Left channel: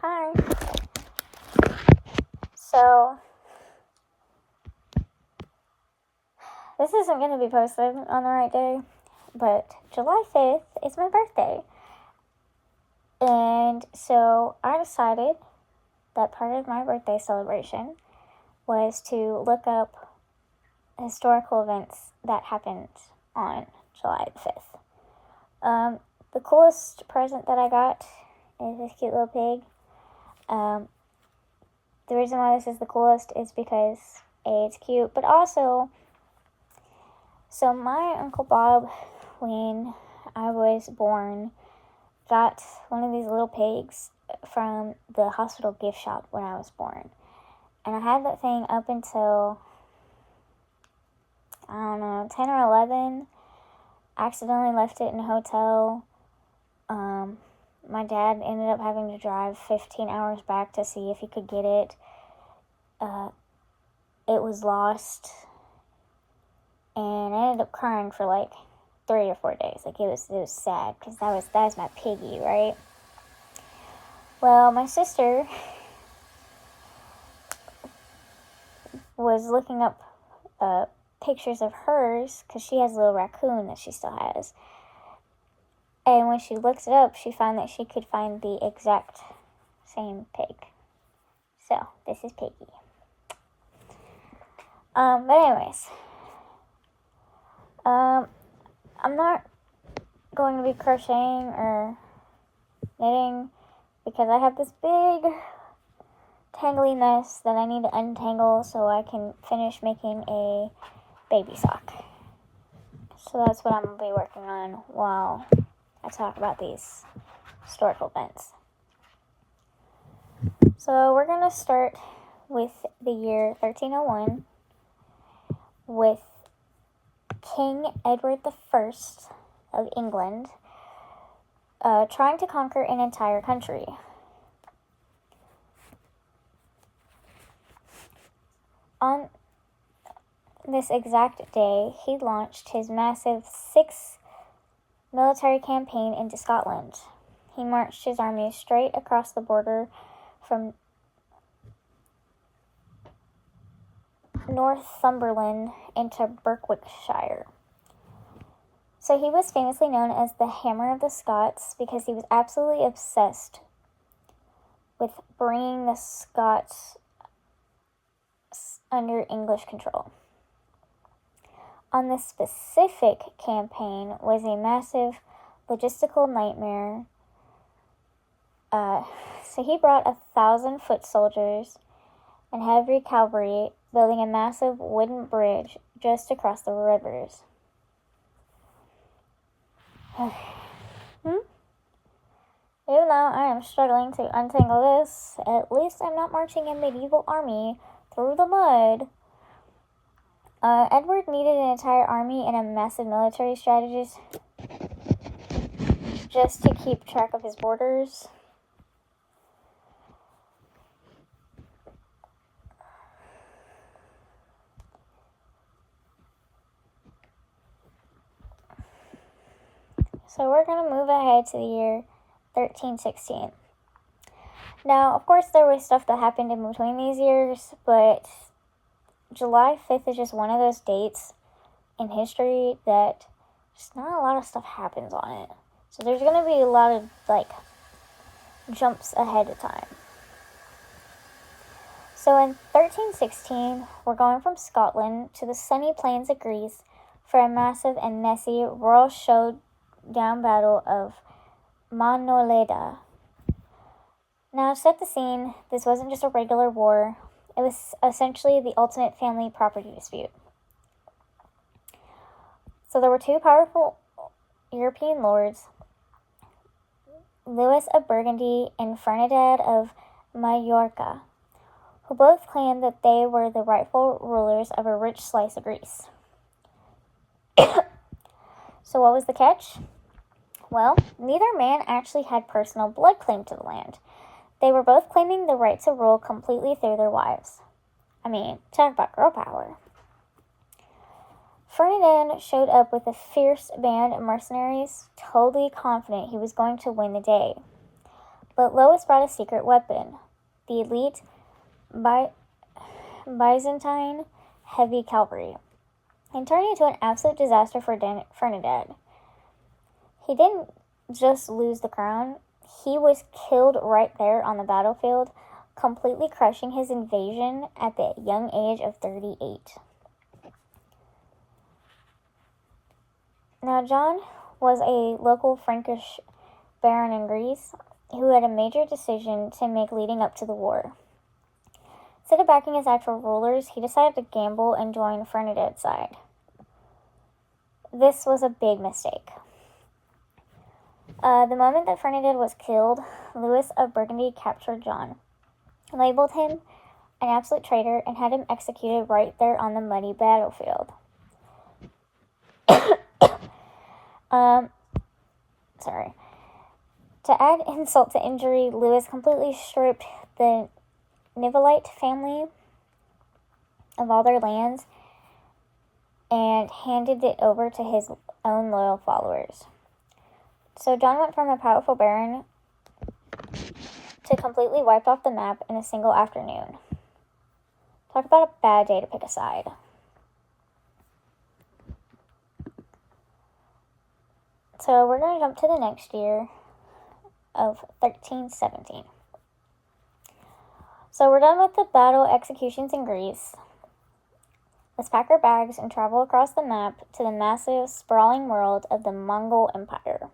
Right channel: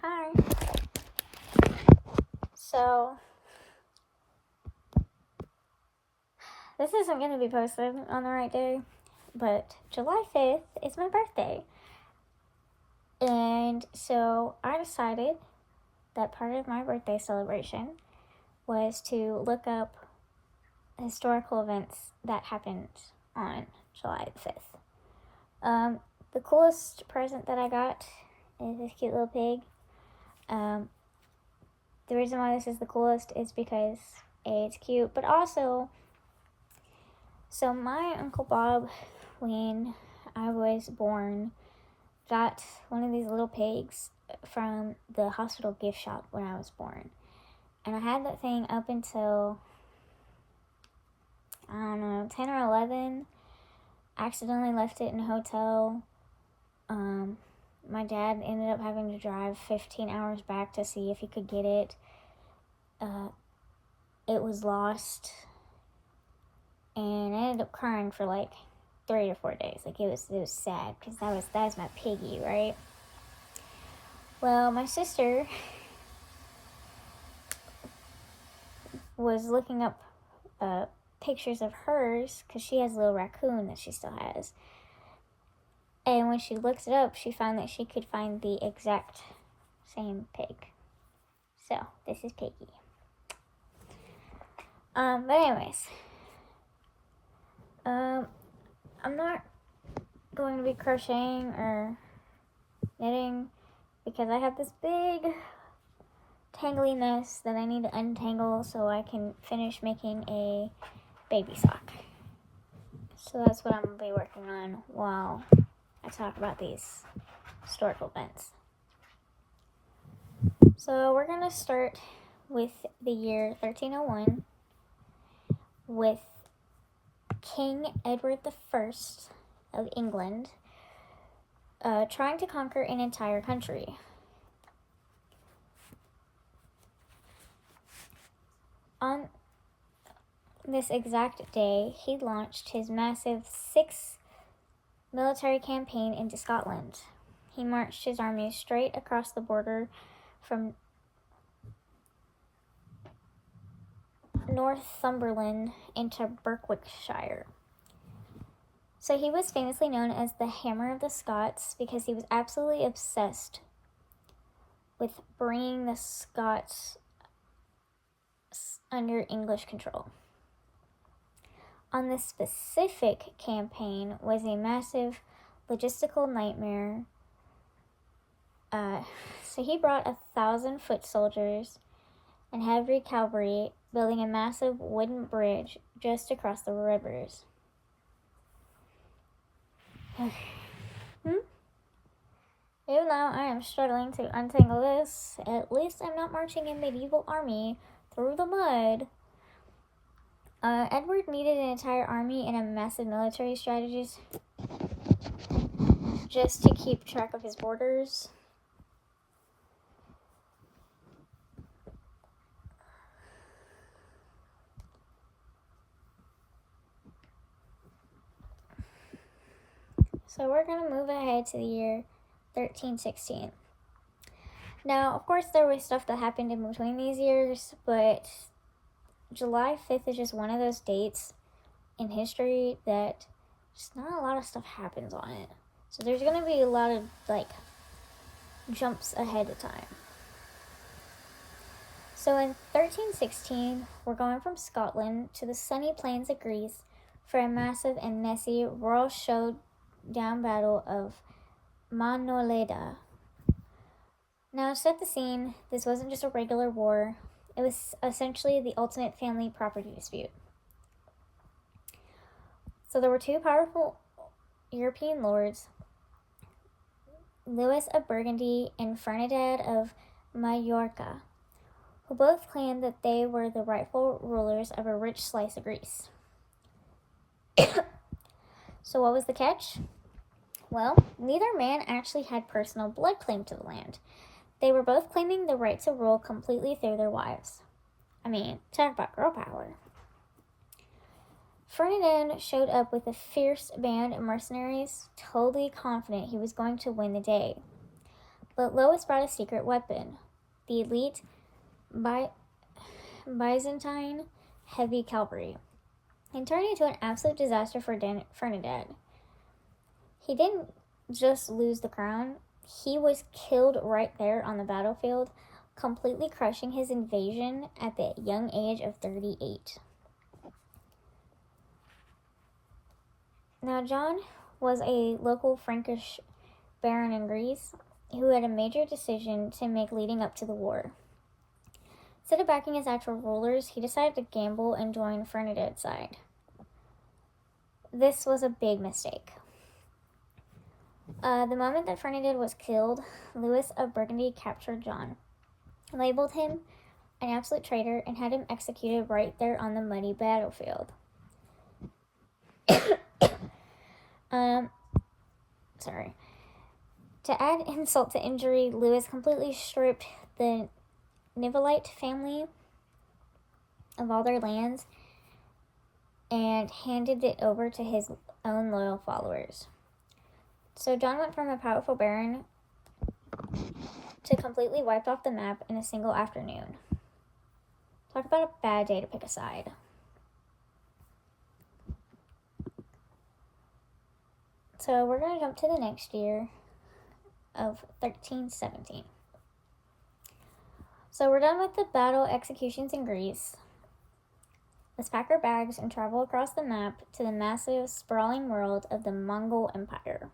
Hi. So, this isn't going to be posted on the right day, but July 5th is my birthday. And so I decided that part of my birthday celebration was to look up historical events that happened on July 5th. The coolest present that I got is this cute little pig. The reason why this is the coolest is because A, it's cute, but also, so my Uncle Bob, when I was born, got one of these little pigs from the hospital gift shop when I was born. And I had that thing up until, 10 or 11. Accidentally left it in a hotel. My dad ended up having to drive 15 hours back to see if he could get it. It was lost. And I ended up crying for like 3 or 4 days. Like, it was sad because that was my piggy, right? Well, my sister was looking up pictures of hers because she has a little raccoon that she still has. And when she looked it up, she found that she could find the exact same pig. So, this is Piggy. But anyways, I'm not going to be crocheting or knitting because I have this big tangly mess that I need to untangle so I can finish making a baby sock. So that's what I'm going to be working on while I talk about these historical events. So we're going to start with the year 1301 with King Edward I of England trying to conquer an entire country. On this exact day, he launched his massive 6th military campaign into Scotland. He marched his army straight across the border from Northumberland into Berwickshire. So he was famously known as the Hammer of the Scots because he was absolutely obsessed with bringing the Scots under English control. On this specific campaign was a massive logistical nightmare. So he brought 1,000 foot soldiers and heavy cavalry building a massive wooden bridge just across the rivers. Even though I am struggling to untangle this, at least I'm not marching a medieval army through the mud. Edward needed an entire army and a massive military strategist just to keep track of his borders. So we're going to move ahead to the year 1316. Now, of course, there was stuff that happened in between these years, but July 5th is just one of those dates in history that just not a lot of stuff happens on it. So there's going to be a lot of, jumps ahead of time. So in 1316, we're going from Scotland to the sunny plains of Greece for a massive and messy royal showdown battle of Manoleda. Now, to set the scene, this wasn't just a regular war. It was essentially the ultimate family property dispute. So there were two powerful European lords, Louis of Burgundy and Ferdinand of Majorca, who both claimed that they were the rightful rulers of a rich slice of Greece. So what was the catch? Well, neither man actually had personal blood claim to the land. They were both claiming the right to rule completely through their wives. I mean, talk about girl power. Ferdinand showed up with a fierce band of mercenaries, totally confident he was going to win the day. But Lois brought a secret weapon, the elite Byzantine heavy cavalry, and turned into an absolute disaster for Ferdinand. He didn't just lose the crown, he was killed right there on the battlefield, completely crushing his invasion at the young age of 38. Now, John was a local Frankish baron in Greece who had a major decision to make leading up to the war. Instead of backing his actual rulers, he decided to gamble and join Ferdinand's side. This was a big mistake. The moment that Ferdinand was killed, Louis of Burgundy captured John, labeled him an absolute traitor, and had him executed right there on the muddy battlefield. Sorry. To add insult to injury, Louis completely stripped the Nivolite family of all their lands and handed it over to his own loyal followers. So John went from a powerful baron to completely wiped off the map in a single afternoon. Talk about a bad day to pick a side. So we're going to jump to the next year of 1317. So we're done with the battle executions in Greece. Let's pack our bags and travel across the map to the massive, sprawling world of the Mongol Empire.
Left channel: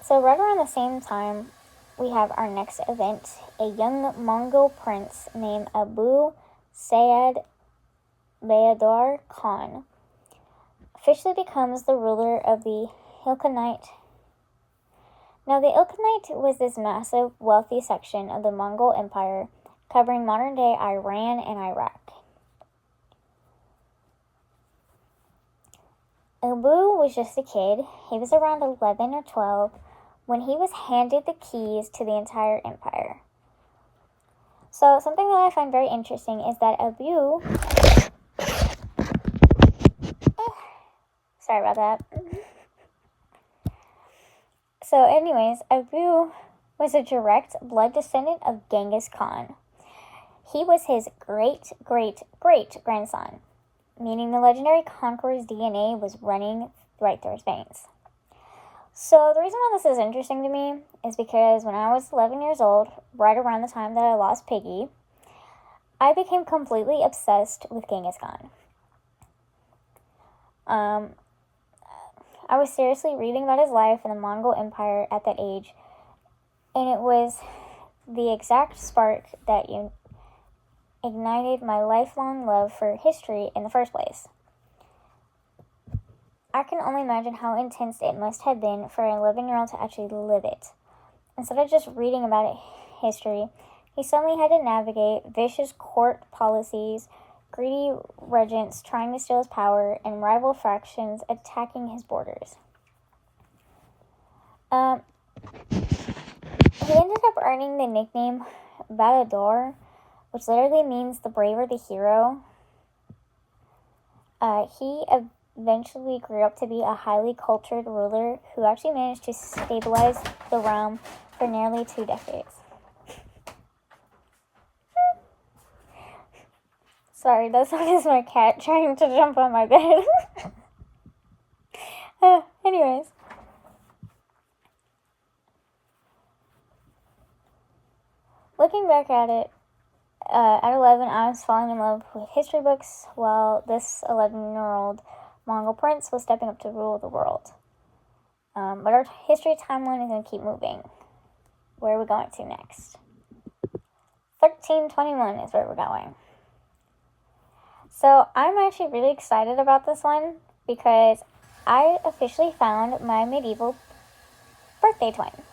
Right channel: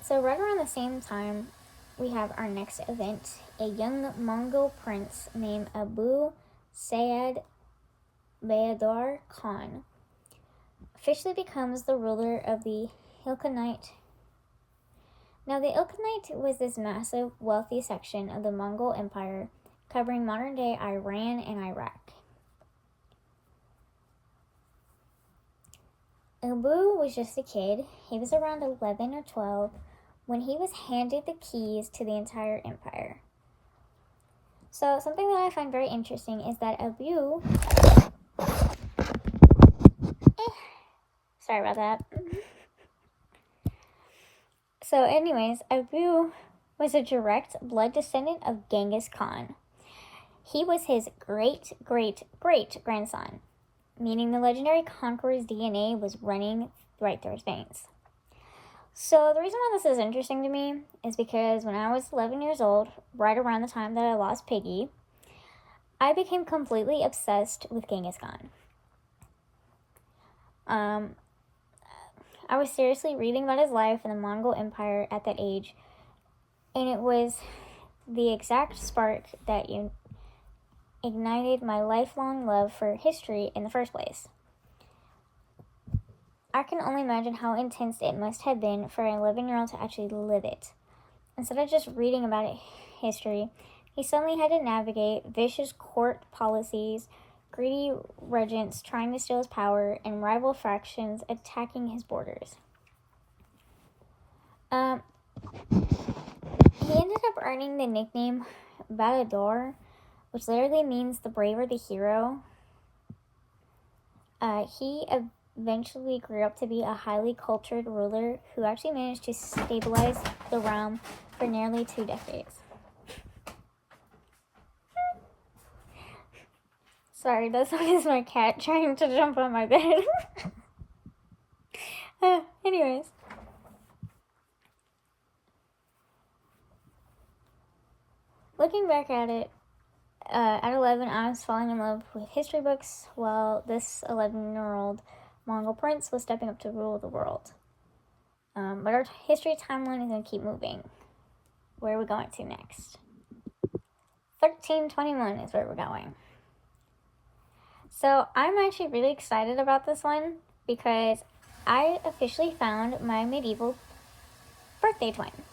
So right around the same time, we have our next event. A young Mongol prince named Abu Sayyid Bayadar Khan officially becomes the ruler of the Ilkhanate. Now, the Ilkhanate was this massive, wealthy section of the Mongol Empire covering modern-day Iran and Iraq. Abu was just a kid. He was around 11 or 12 when he was handed the keys to the entire empire. So, something that I find very interesting is that Abu... Sorry about that. So anyways, Abu was a direct blood descendant of Genghis Khan. He was his great-great-great-grandson, meaning the legendary conqueror's DNA was running right through his veins. So the reason why this is interesting to me is because when I was 11 years old, right around the time that I lost Piggy, I became completely obsessed with Genghis Khan. I was seriously reading about his life in the Mongol Empire at that age, and it was the exact spark that ignited my lifelong love for history in the first place. I can only imagine how intense it must have been for an 11-year-old to actually live it. Instead of just reading about history, he suddenly had to navigate vicious court policies, greedy regents trying to steal his power, and rival factions attacking his borders. He ended up earning the nickname Bayador, which literally means the brave or the hero. He eventually grew up to be a highly cultured ruler who actually managed to stabilize the realm for nearly 2 decades. Sorry, that song is my cat trying to jump on my bed. Anyways. Looking back at it, at 11, I was falling in love with history books, while this 11-year-old Mongol prince was stepping up to rule the world. But our history timeline is going to keep moving. Where are we going to next? 1321 is where we're going. So I'm actually really excited about this one because I officially found my medieval birthday twin.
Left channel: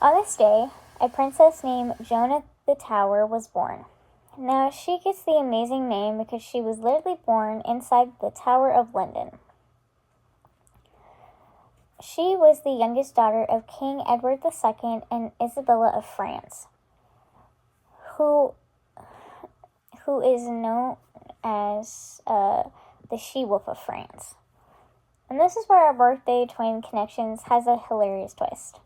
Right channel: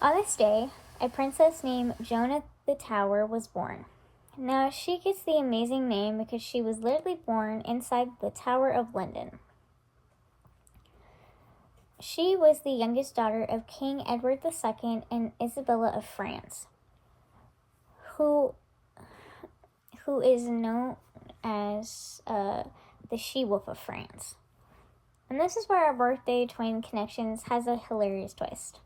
On this day, a princess named Joan the Tower was born. Now, she gets the amazing name because she was literally born inside the Tower of London. She was the youngest daughter of King Edward II and Isabella of France, who is known as the She-Wolf of France. And this is where our birthday twin connections has a hilarious twist.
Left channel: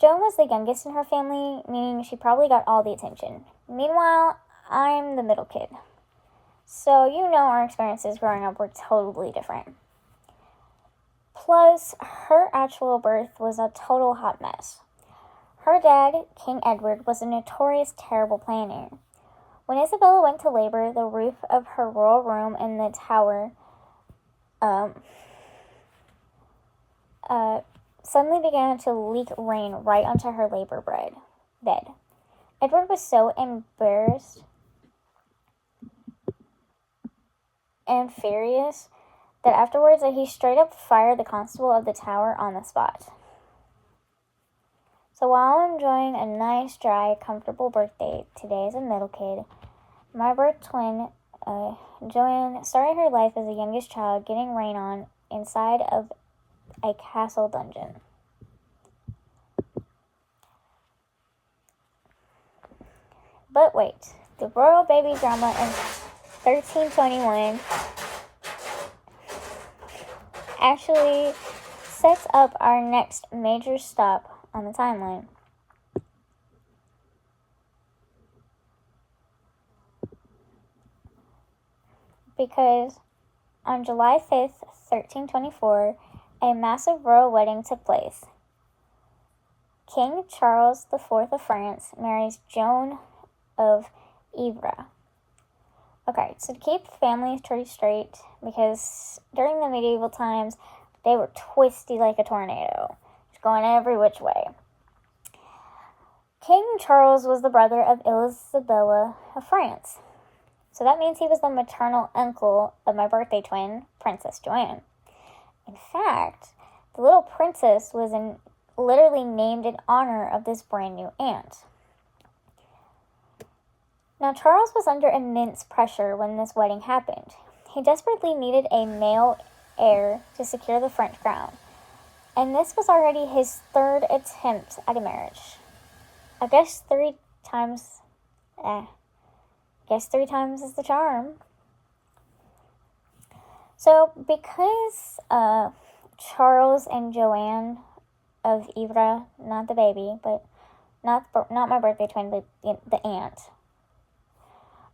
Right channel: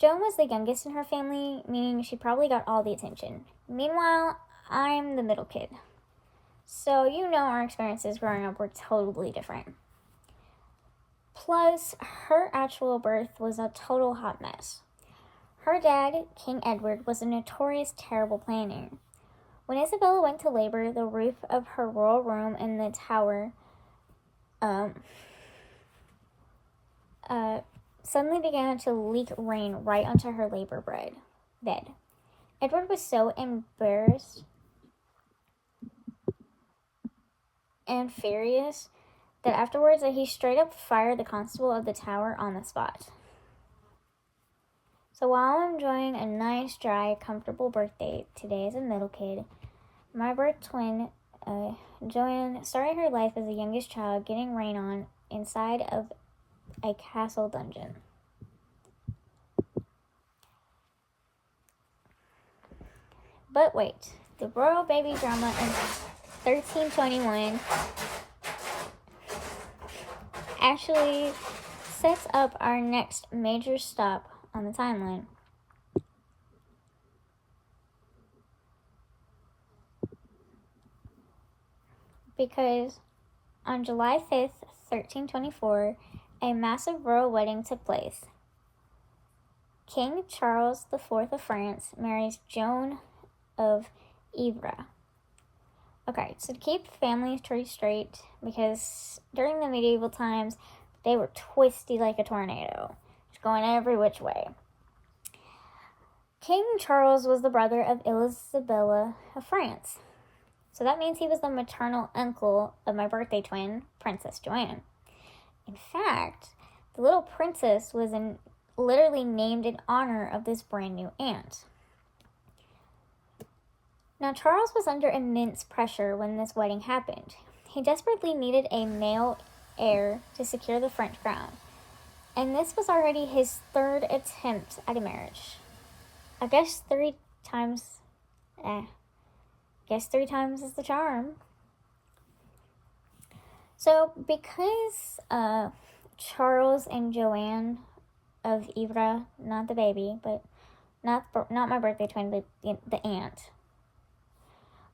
Joan was the youngest in her family, meaning she probably got all the attention. Meanwhile, I'm the middle kid. So our experiences growing up were totally different. Plus, her actual birth was a total hot mess. Her dad, King Edward, was a notorious terrible planner. When Isabella went to labor, the roof of her royal room in the tower suddenly began to leak rain right onto her labor bed. Edward was so embarrassed and furious that afterwards he straight up fired the constable of the tower on the spot. So while I'm enjoying a nice, dry, comfortable birthday today as a middle kid, my birth twin, Joanne, started her life as the youngest child getting rain on inside of a castle dungeon. But wait, the royal baby drama in 1321 actually sets up our next major stop on the timeline. Because on July 5th, 1324, a massive royal wedding took place. King Charles IV of France marries Joan of Ivrea. Okay, so to keep family trees straight, because during the medieval times, they were twisty like a tornado, just going every which way. King Charles was the brother of Isabella of France. So that means he was the maternal uncle of my birthday twin, Princess Joanne. In fact, the little princess was literally named in honor of this brand new aunt. Now, Charles was under immense pressure when this wedding happened. He desperately needed a male heir to secure the French crown, and this was already his third attempt at a marriage. I guess three times is the charm. So, because Charles and Joanne of Ivrea, not the baby, but not my birthday twin, but the aunt,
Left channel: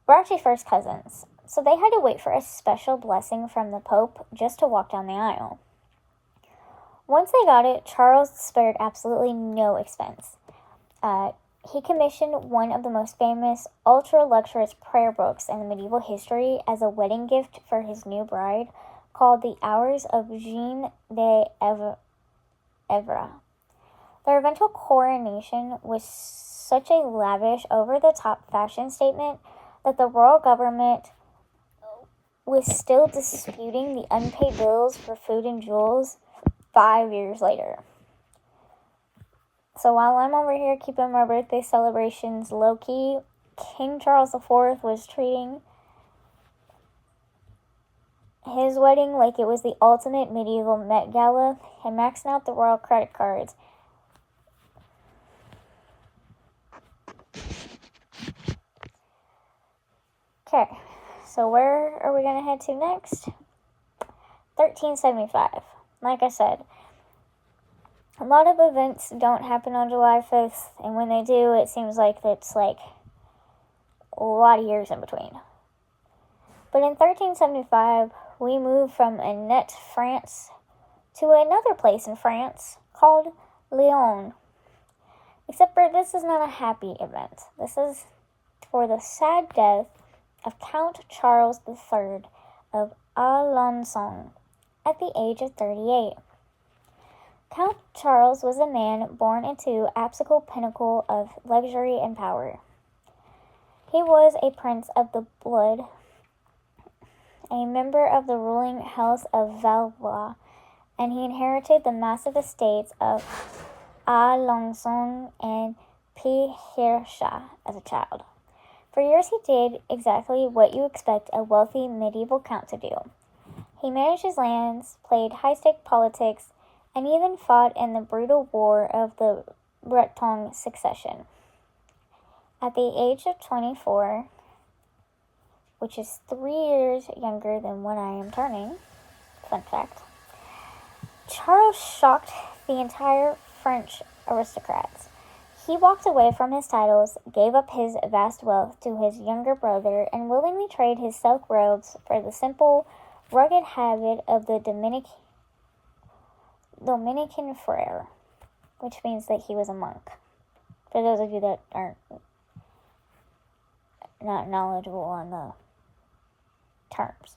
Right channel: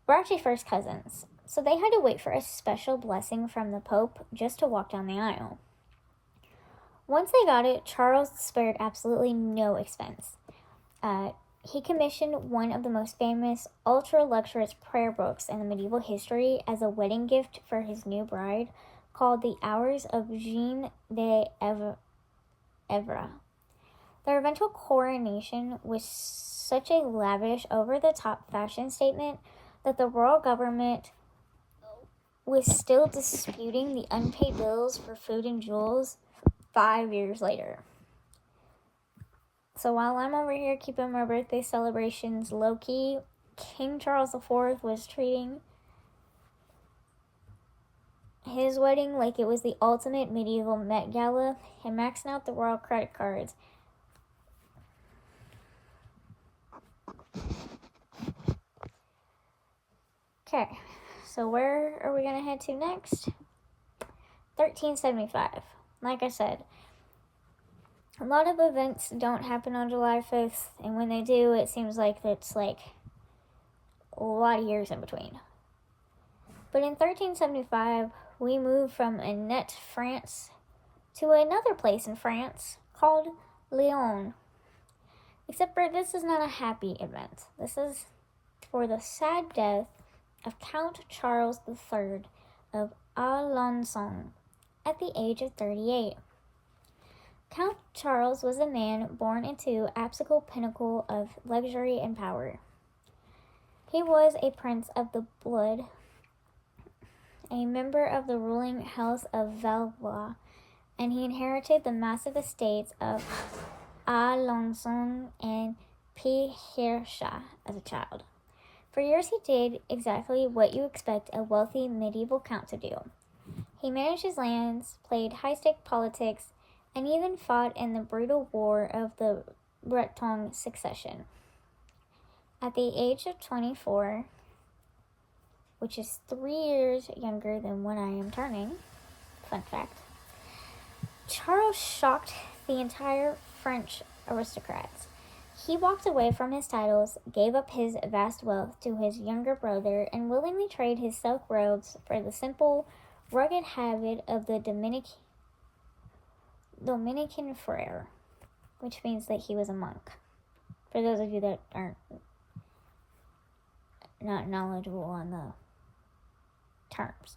were actually first cousins. So they had to wait for a special blessing from the Pope just to walk down the aisle. Once they got it, Charles spared absolutely no expense. He commissioned one of the most famous, ultra-luxurious prayer books in the medieval history as a wedding gift for his new bride, called The Hours of Jeanne d'Evre. Their eventual coronation was such a lavish, over-the-top fashion statement that the royal government was still disputing the unpaid bills for food and jewels 5 years later. So while I'm over here keeping my birthday celebrations low-key, King Charles IV was treating his wedding like it was the ultimate medieval Met Gala and maxing out the royal credit cards. Okay, so where are we going to head to next? 1375. Like I said, a lot of events don't happen on July 5th, and when they do, it seems like it's like a lot of years in between. But in 1375, we moved from Annette, France, to another place in France called Lyon. Except for this is not a happy event. This is for the sad death of Count Charles III of Alençon at the age of 38. Count Charles was a man born into absolute pinnacle of luxury and power. He was a prince of the blood, a member of the ruling house of Valois, and he inherited the massive estates of Alençon and Picardie as a child. For years he did exactly what you expect a wealthy medieval count to do. He managed his lands, played high-stake politics, and even fought in the brutal war of the Breton succession. At the age of 24, which is 3 years younger than when I am turning, fun fact, Charles shocked the entire French aristocrats. He walked away from his titles, gave up his vast wealth to his younger brother, and willingly traded his silk robes for the simple, rugged habit of the Dominican friar, which means that he was a monk. For those of you that aren't not knowledgeable on the terms.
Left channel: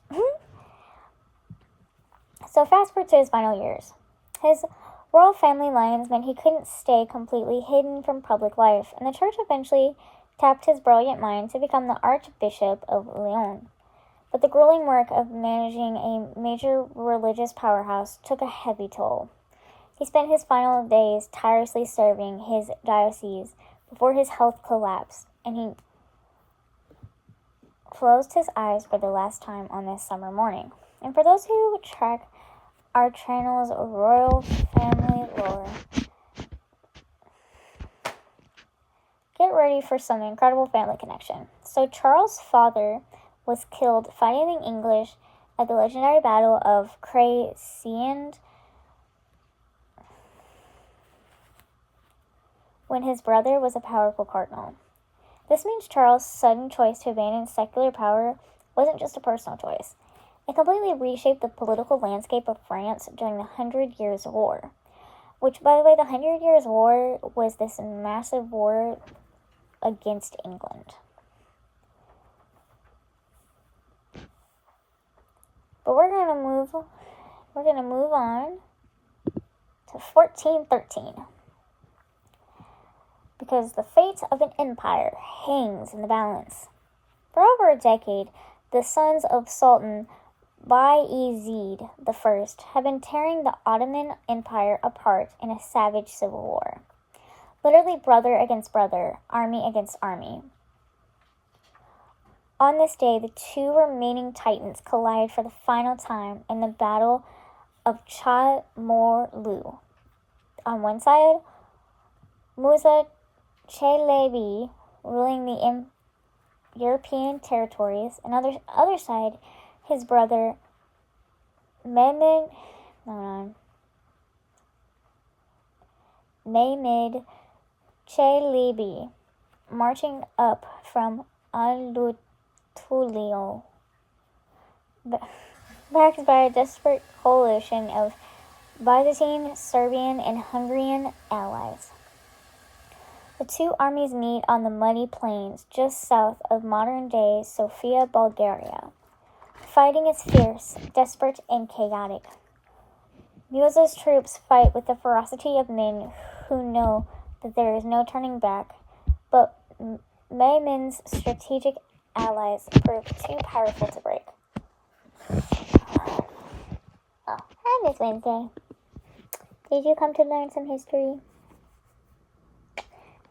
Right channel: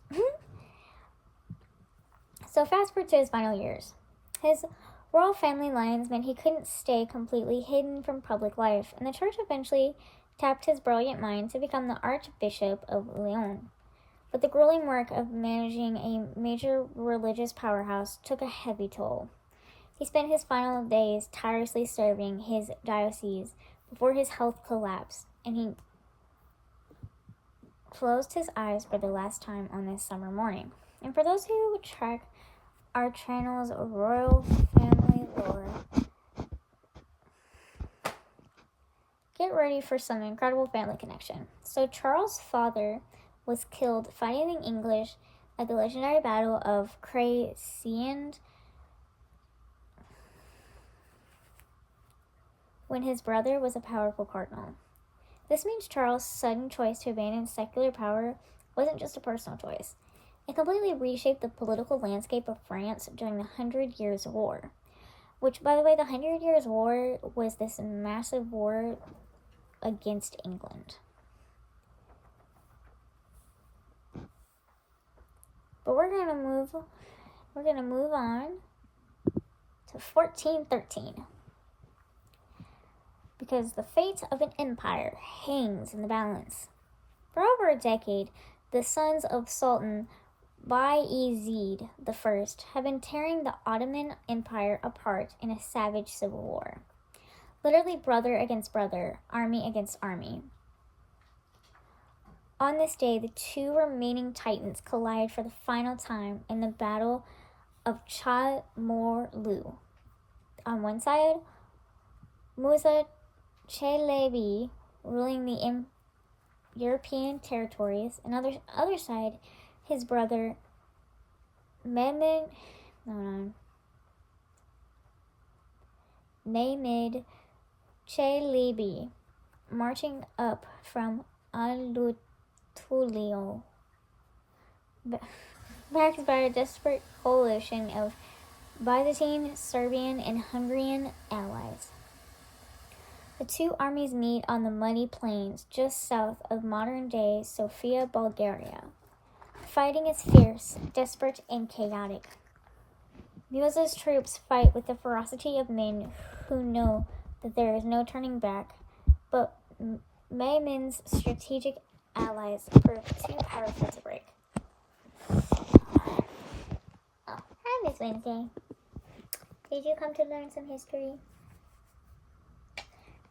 So fast forward to his final years. His royal family lines meant he couldn't stay completely hidden from public life, and the church eventually tapped his brilliant mind to become the Archbishop of Lyon. But the grueling work of managing a major religious powerhouse took a heavy toll. He spent his final days tirelessly serving his diocese before his health collapsed, and he closed his eyes for the last time on this summer morning. And for those who track our channel's royal family lore, get ready for some incredible family connection. So Charles' father was killed fighting the English at the legendary Battle of Crecy when his brother was a powerful cardinal. This means Charles' sudden choice to abandon secular power wasn't just a personal choice. It completely reshaped the political landscape of France during the 100 Years' War. Which, by the way, the 100 Years' War was this massive war against England. But we're gonna move on to 1413. Because the fate of an empire hangs in the balance. For over a decade, the sons of Sultan Bayezid I have been tearing the Ottoman Empire apart in a savage civil war. Literally brother against brother, army against army. On this day, the two remaining titans collide for the final time in the Battle of Chamorlu. On one side, Musa Chalabi ruling the European territories, and on the other side, his brother Mehmed Chalabi marching up from Al-Tulio, backed by a desperate coalition of Byzantine, Serbian, and Hungarian allies. The two armies meet on the muddy plains just south of modern-day Sofia, Bulgaria. Fighting is fierce, desperate, and chaotic. Musa's troops fight with the ferocity of men who know that there is no turning back, but Mehmed's strategic allies prove too powerful to break. Oh, hi, Miss Wednesday. Did you come to learn some history?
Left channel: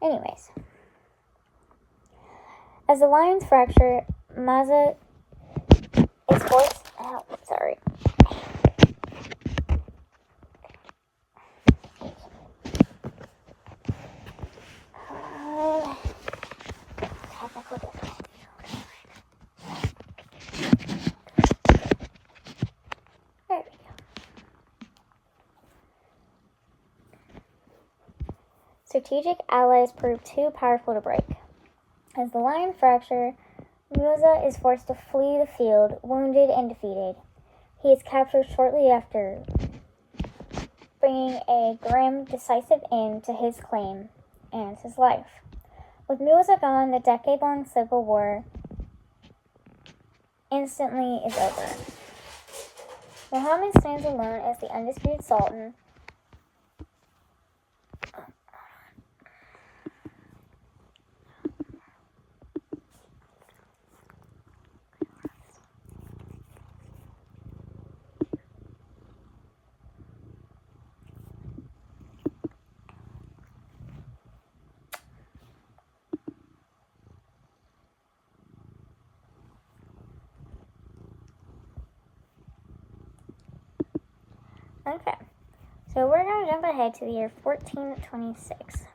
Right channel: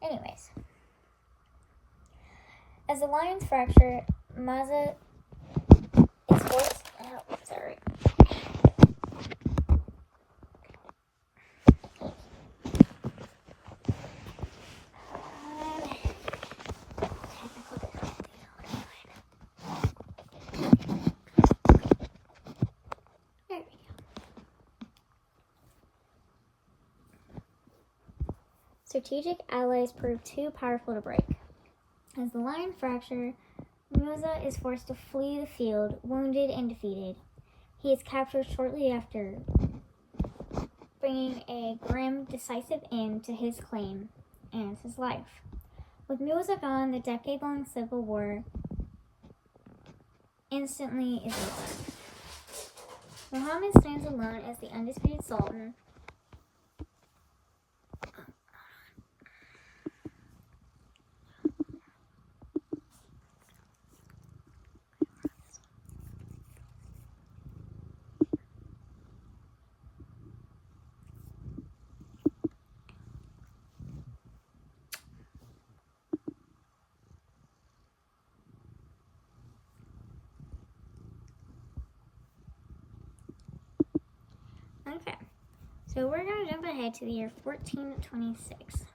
Anyways, as the lines fracture, Maza is forced. Oh, sorry. Technical difficulty. There we go. Strategic allies prove too powerful to break. As the line fracture, Musa is forced to flee the field, wounded and defeated. He is captured shortly after, bringing a grim, decisive end to his claim and his life. With Musa gone, the decade-long civil war instantly is over. Muhammad stands alone as the undisputed sultan. Okay, so we're going to jump ahead to the year 1426.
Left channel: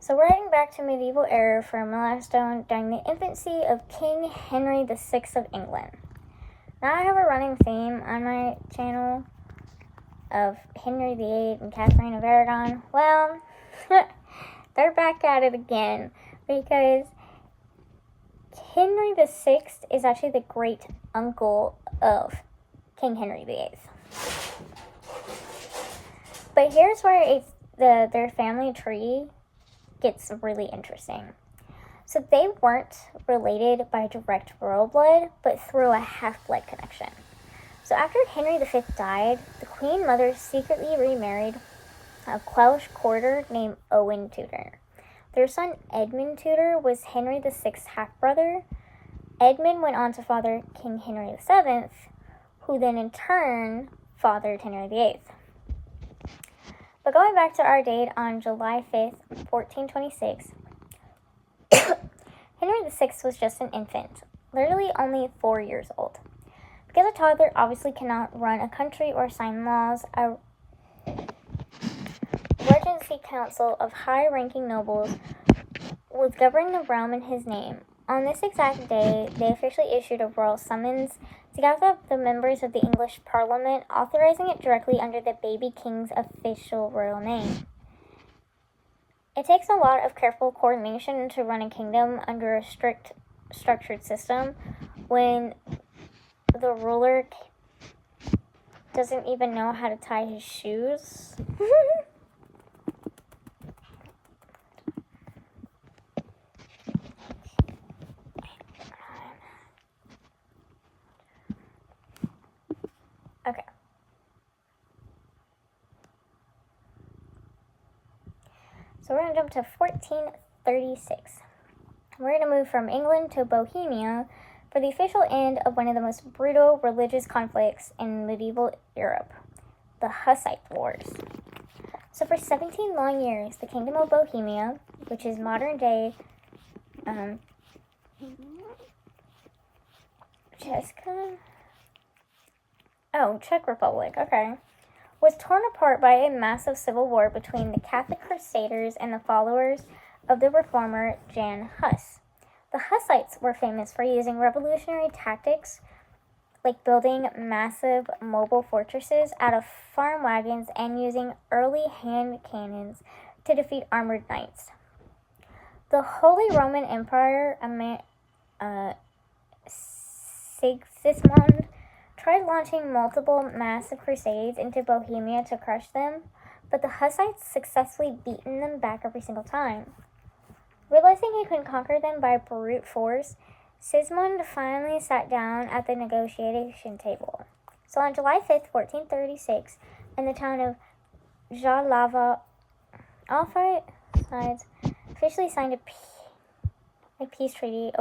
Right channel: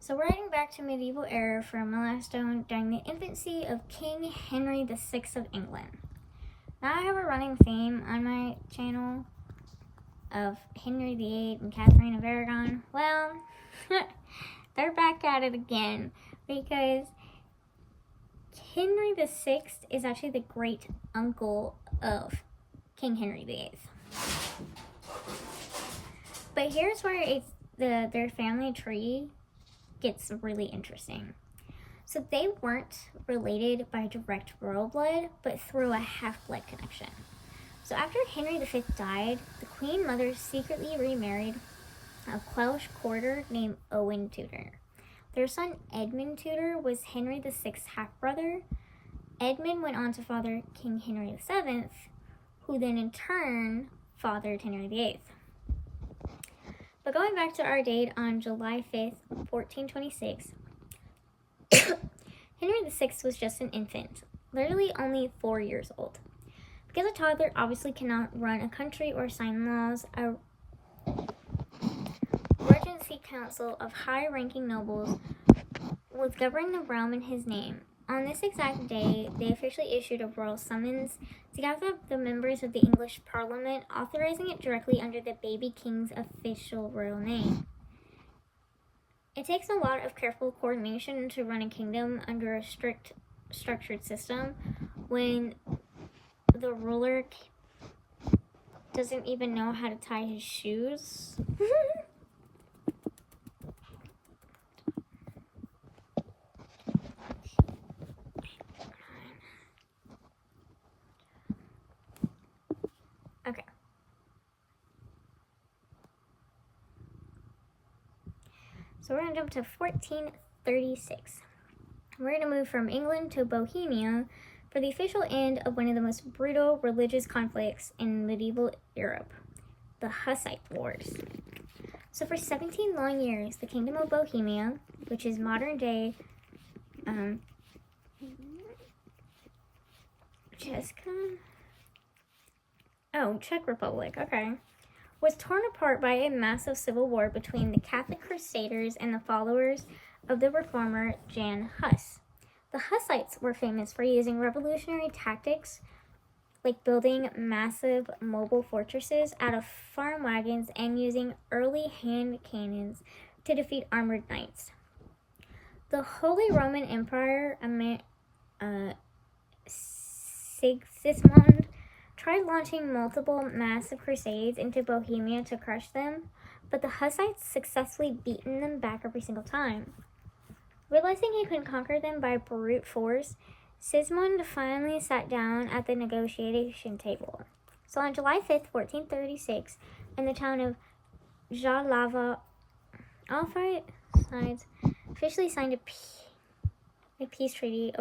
So we're heading back to medieval era for a milestone during the infancy of King Henry VI of England. Now I have a running theme on my channel of Henry VIII and Catherine of Aragon, well, they're back at it again because Henry VI is actually the great uncle of King Henry VIII. But here's where their family tree gets really interesting. So they weren't related by direct royal blood, but through a half-blood connection. So after Henry V died, the Queen Mother secretly remarried a Welsh courtier named Owen Tudor. Their son Edmund Tudor was Henry VI's half-brother. Edmund went on to father King Henry VII, who then in turn fathered Henry VIII. But going back to our date on July 5th, 1426, Henry VI was just an infant, literally only 4 years old. Because a toddler obviously cannot run a country or sign laws, a regency council of high-ranking nobles was governing the realm in his name. On this exact day, they officially issued a royal summons to gather up the members of the English Parliament, authorizing it directly under the baby king's official royal name. It takes a lot of careful coordination to run a kingdom under a strict, structured system when the ruler doesn't even know how to tie his shoes. Okay. So we're going to jump to 1436. We're going to move from England to Bohemia for the official end of one of the most brutal religious conflicts in medieval Europe, the Hussite Wars. So for 17 long years, the Kingdom of Bohemia, which is modern day Czech Republic, okay, was torn apart by a massive civil war between the Catholic Crusaders and the followers of the reformer Jan Hus. The Hussites were famous for using revolutionary tactics like building massive mobile fortresses out of farm wagons and using early hand cannons to defeat armored knights. The Holy Roman Empire, Sigismund, tried launching multiple massive crusades into Bohemia to crush them, but the Hussites successfully beaten them back every single time. Realizing he couldn't conquer them by brute force, Sigismund finally sat down at the negotiation table. So on July 5th, 1436, in the town of Jalava, all 5 sides officially signed a peace treaty,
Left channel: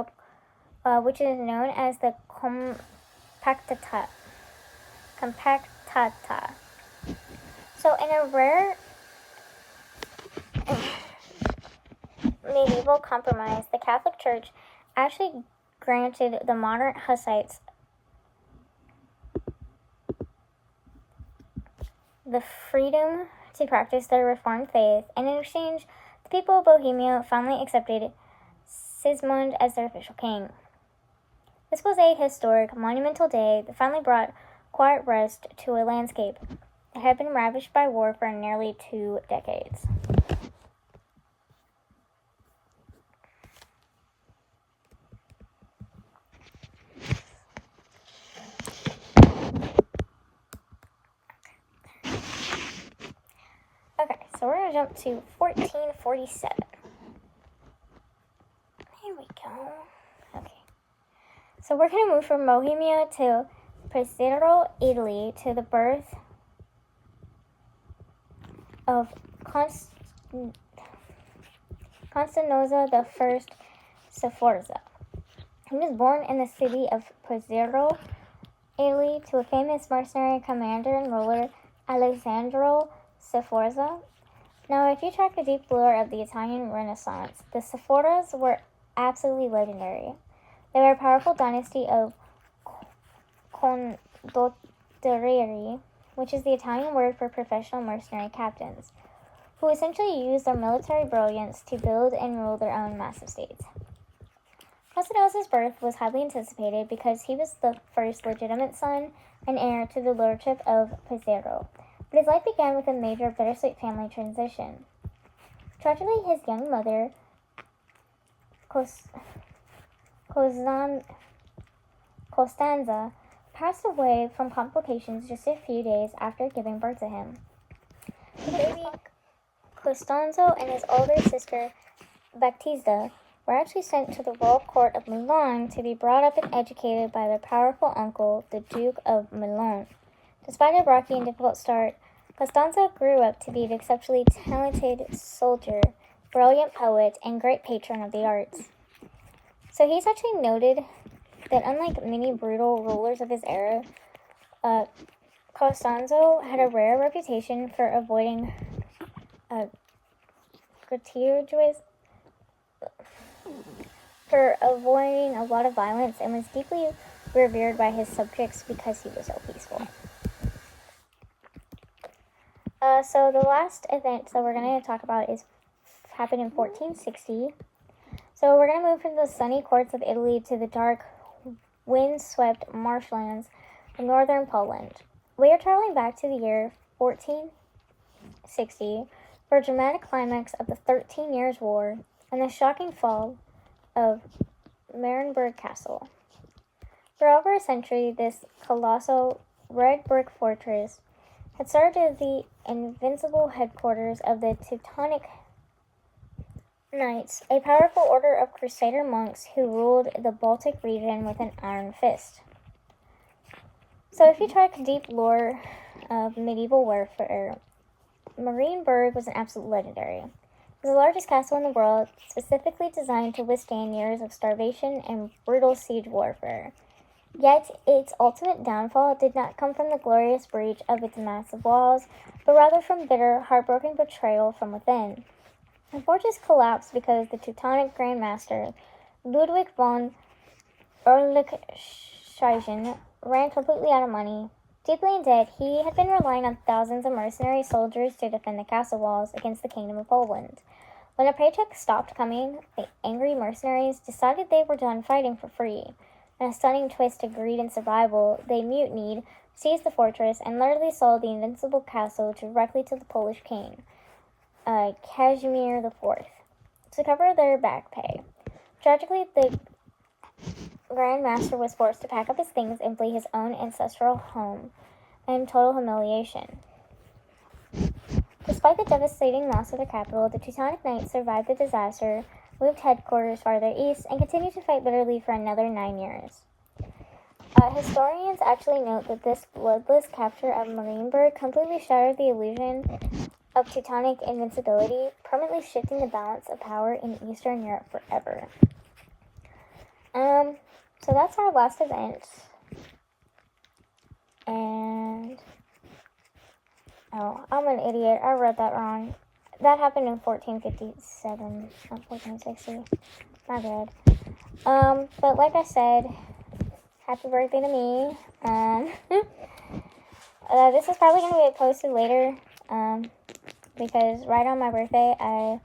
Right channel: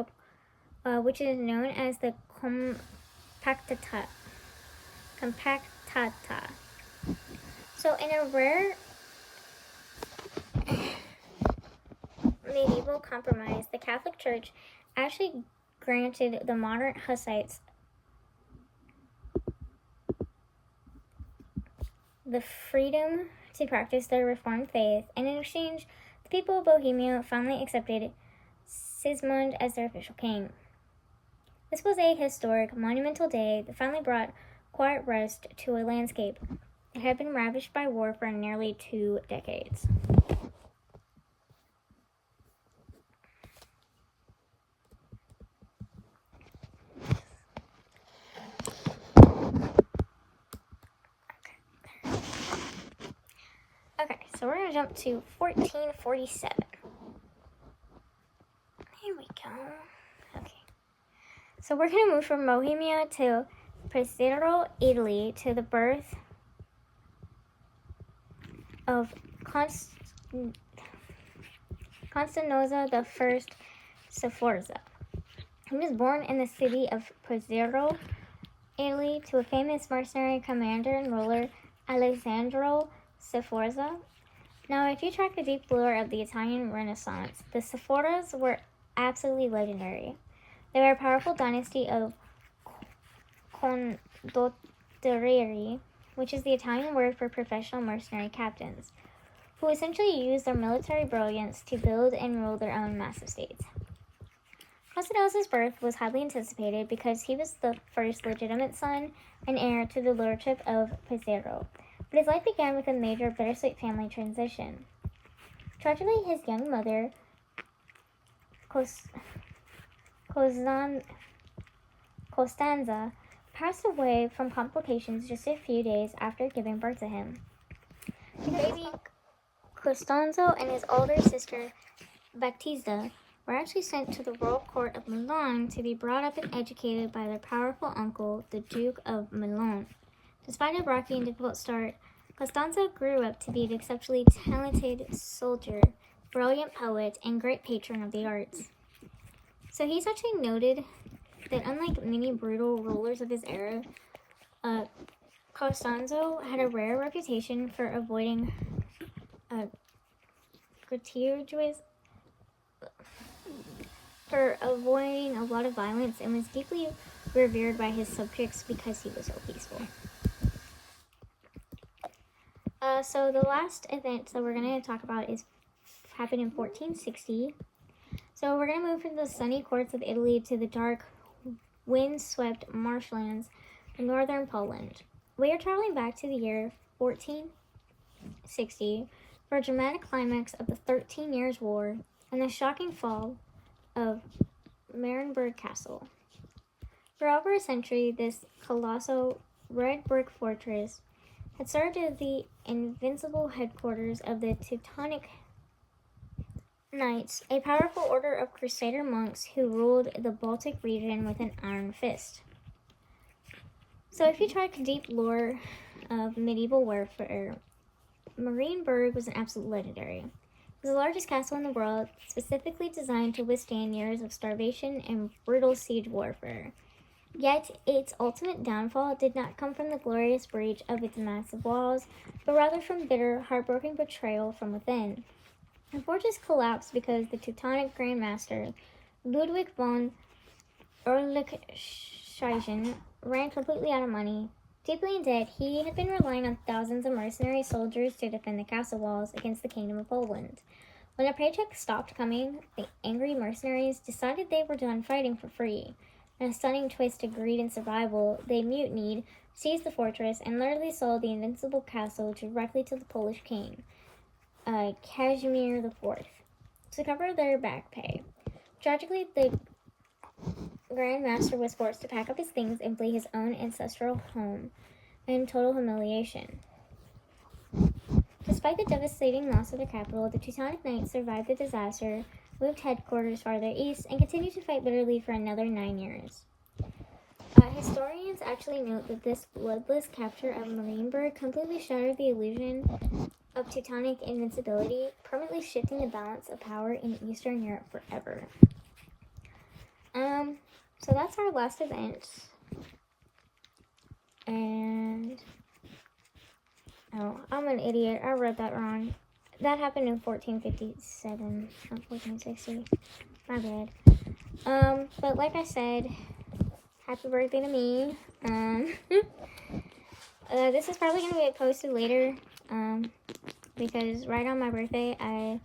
which is known as the Compactata. So in a rare medieval compromise, the Catholic Church actually granted the modern Hussites the freedom to practice their Reformed faith, and in exchange, the people of Bohemia finally accepted Sigismund as their official king. This was a historic, monumental day that finally brought quiet rest to a landscape that had been ravaged by war for nearly 2 decades. Okay, so we're going to jump to 1447. Here we go. Okay. So we're going to move from Bohemia to Pesaro, Italy, to the birth of Constanza I Sforza. He was born in the city of Pesaro, Italy, to a famous mercenary commander and ruler, Alessandro Sforza. Now, if you track the deep lore of the Italian Renaissance, the Sforzas were absolutely legendary. They were a powerful dynasty of condottieri, which is the Italian word for professional mercenary captains, who essentially used their military brilliance to build and rule their own massive states. Constanza's birth was highly anticipated because he was the first legitimate son and heir to the lordship of Pesaro. But his life began with a major bittersweet family transition. Tragically, his young mother, Costanza, passed away from complications just a few days after giving birth to him. Baby Costanzo and his older sister, Baptista, were actually sent to the royal court of Milan to be brought up and educated by their powerful uncle, the Duke of Milan. Despite a rocky and difficult start, Costanzo grew up to be an exceptionally talented soldier, brilliant poet, and great patron of the arts. So he's actually noted that unlike many brutal rulers of his era, Costanzo had a rare reputation for avoiding a lot of violence, and was deeply revered by his subjects because he was so peaceful. So the last event that we're going to talk about happened in 1460. So we're going to move from the sunny courts of Italy to the dark, wind-swept marshlands of northern Poland. We are traveling back to the year 1460 for a dramatic climax of the 13 Years' War and the shocking fall of Marienburg Castle. For over a century, this colossal red brick fortress had served as the invincible headquarters of the Teutonic Knights, a powerful order of crusader monks who ruled the Baltic region with an iron fist. So if you try a deep lore of medieval warfare, Marienburg was an absolute legendary. It was the largest castle in the world, specifically designed to withstand years of starvation and brutal siege warfare. Yet, its ultimate downfall did not come from the glorious breach of its massive walls, but rather from bitter, heartbroken betrayal from within. The fortress collapsed because the Teutonic Grand Master, Ludwig von Erlichsheijen, ran completely out of money. Deeply in debt, he had been relying on thousands of mercenary soldiers to defend the castle walls against the Kingdom of Poland. When a paycheck stopped coming, the angry mercenaries decided they were done fighting for free. In a stunning twist of greed and survival, they mutinied, seized the fortress, and literally sold the invincible castle directly to the Polish king, Casimir IV, to cover their back pay. Tragically, the Grand Master was forced to pack up his things and flee his own ancestral home in total humiliation. Despite the devastating loss of the capital, the Teutonic Knights survived the disaster, moved headquarters farther east, and continued to fight bitterly for another 9 years. Historians actually note that this bloodless capture of Marienburg completely shattered the illusion of Teutonic invincibility, permanently shifting the balance of power in Eastern Europe forever. So that's our last event. And I'm an idiot. I read that wrong. That happened in 1457, not 1460. My bad. But like I said, happy birthday to me. This is probably going to get posted later, because right on my birthday, I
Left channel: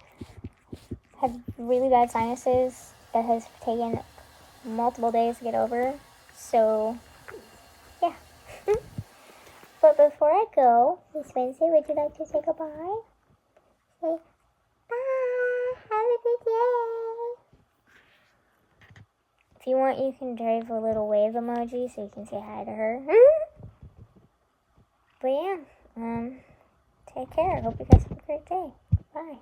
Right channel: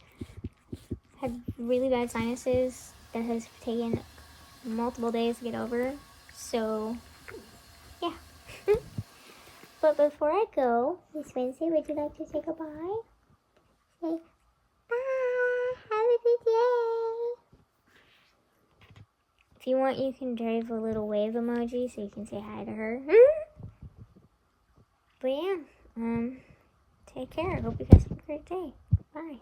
had really bad sinuses that has taken multiple days to get over. So, yeah. But before I go, Miss Wednesday, would you like to say goodbye? Say bye. Have a good day. If you want, you can drive a little wave emoji so you can say hi to her. But yeah, take care. I hope you guys have a great day. Bye.